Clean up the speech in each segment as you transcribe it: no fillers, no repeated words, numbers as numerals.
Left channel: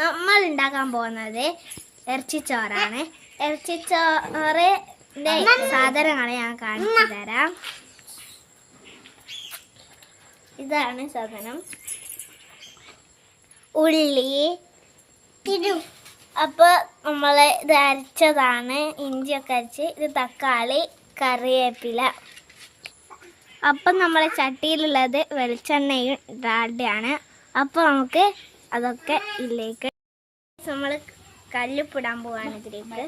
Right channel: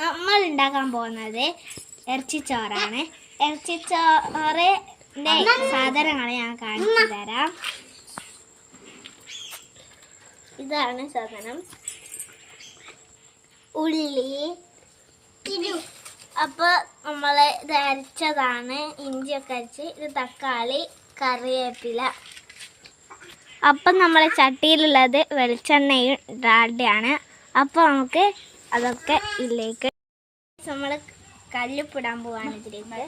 നമ്മൾ ഉണ്ടാക്കാൻ പോകുന്നത് ഇറച്ചിച്ചോറാണ്. ഇറച്ചിച്ചോറിന്റെ സാധനങ്ങൾ ഞാൻ കാണിച്ചു തരാം. ഇതാണ് സാധനം: ഉള്ളി, അപ്പോൾ നമ്മൾ ഇത് അരച്ചതാണ്, ഇഞ്ചിയൊക്കെ അരച്ച്. ഇത് തക്കാളി, കറിവേപ്പില. അപ്പം നമ്മളെ ചട്ടിയിലുള്ളത് വെളിച്ചെണ്ണയും ഡാൽഡയാണ്. അപ്പോൾ നമുക്ക് അതൊക്കെ ഇതിലേക്ക് നമ്മൾ കല്ലുപ്പിടാൻ പോവാണ്. ഇതിലേക്ക്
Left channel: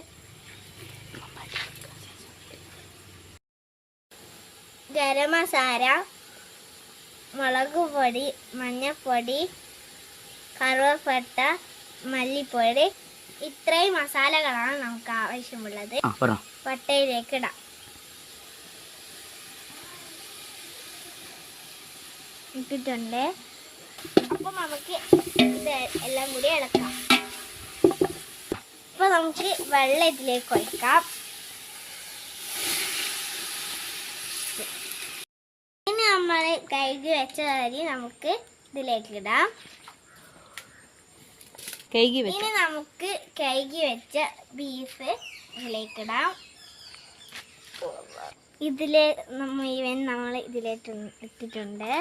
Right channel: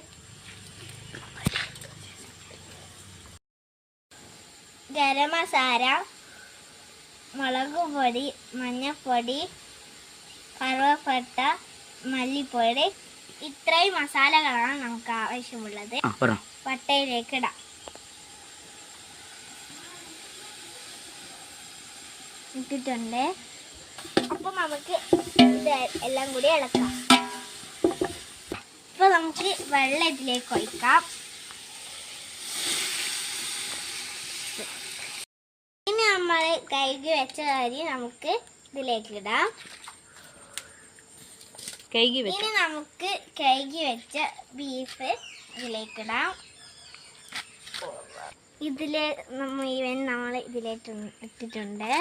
ഗരം മസാല, മുളക് പൊടി, മഞ്ഞൾപ്പൊടി, കറുവപ്പട്ട, മല്ലിപ്പൊടി, ഇത്രയും മസാലകളാണ് നമുക്ക് ആവശ്യമുള്ളത്. പട്ടയിലേക്ക് ഇടാം. ഇട്ടിട്ടുണ്ട്. അപ്പം നമുക്ക് ഇത് എല്ലാം കൂടി ഇളക്കാം. അപ്പോൾ നമുക്ക് വെള്ളം ഇതിലേക്ക് ഒഴിക്കാം. ഇനി നമ്മൾ കഴുകി വെച്ച അരി നമുക്ക് ഇതിലേക്ക് ഇടാം. ഇനി നമുക്ക് കഴുകി വെച്ച ബീഫ് ഇതിലേക്ക് ഇടാം. നമ്മൾ ഇതിലേക്ക് ഇട്ടിട്ടുണ്ട്.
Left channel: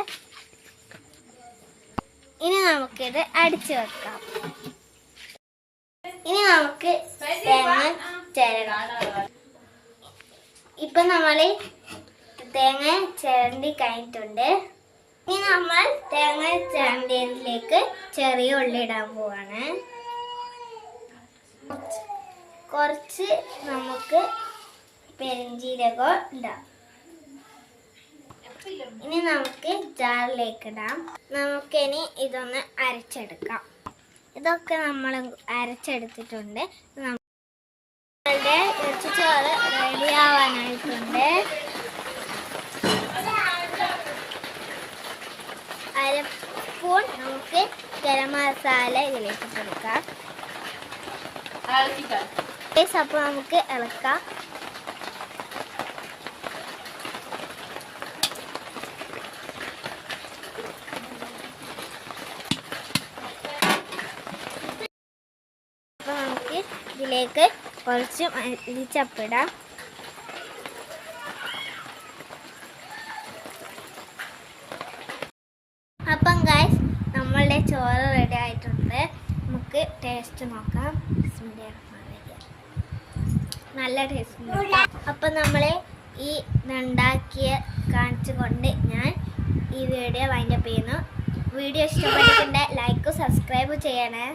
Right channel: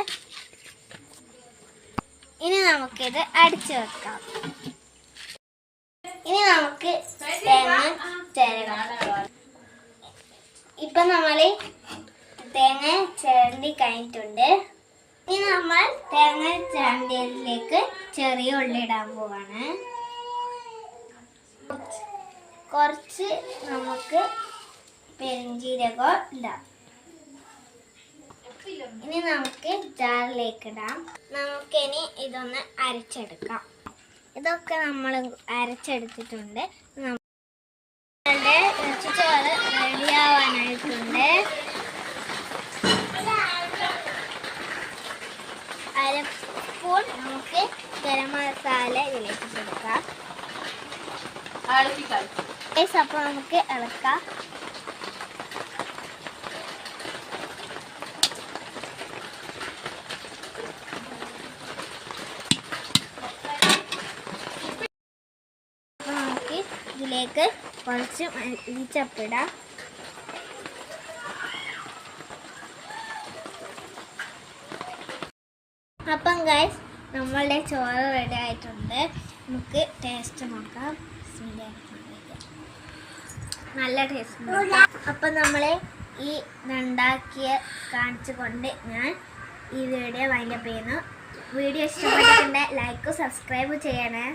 ഇനി നമുക്കിത് അടിച്ചു വെക്കാം. ഇനി നമുക്ക് തേങ്ങ ചിരകാം. ഇപ്പം നമ്മൾ തേങ്ങ ചിരണ്ടി കഴിഞ്ഞിട്ടുണ്ട്. ഇനി നമ്മൾ തേങ്ങ ചിരണ്ടിയതിലേക്ക് ചെറിയ ഉള്ളി ഇടാൻ പോവാണ്. കുറച്ച് നമുക്ക് പെരുംജീരകം ഇടാം. ഇനി നമുക്ക് ജാറിലേക്ക് ഇടാം. നമുക്കിനി ഇതൊന്ന് അരച്ചെടുക്കാം. ഇതൊക്കെ നമ്മൾ അരച്ചെടുത്തിട്ടുണ്ട്. നമ്മളുടെ ഇറച്ചിച്ചോറ് റെഡിയാവാനായിട്ടുണ്ട്. അര സ്പൂൺ നമുക്ക് ഗരം മസാല ഇതിലേക്ക് കൊടുക്കാം. അപ്പോൾ നമുക്ക് ഇളക്കാം. ഇതിലേക്ക് കുറച്ച് മല്ലിച്ചപ്പിടാം. അപ്പം ഗൈസ്, നമ്മളുടെ ചോറ് റെഡി ആയിട്ടുണ്ട്. നമുക്ക് ടേസ്റ്റ് നോക്കാം. നല്ല ടേസ്റ്റ്. അപ്പം നമ്മൾ ഈ ഉണ്ടാക്കിയ കാണിച്ചുകൊണ്ട് ഞാൻ ഈ വീഡിയോ വൈൻഡപ്പ് ചെയ്യുന്നു. വീഡിയോ ഇഷ്ടപ്പെട്ടിട്ടുണ്ടെങ്കിൽ ലൈക്ക്, സബ്സ്ക്രൈബ് ചെയ്യണേ.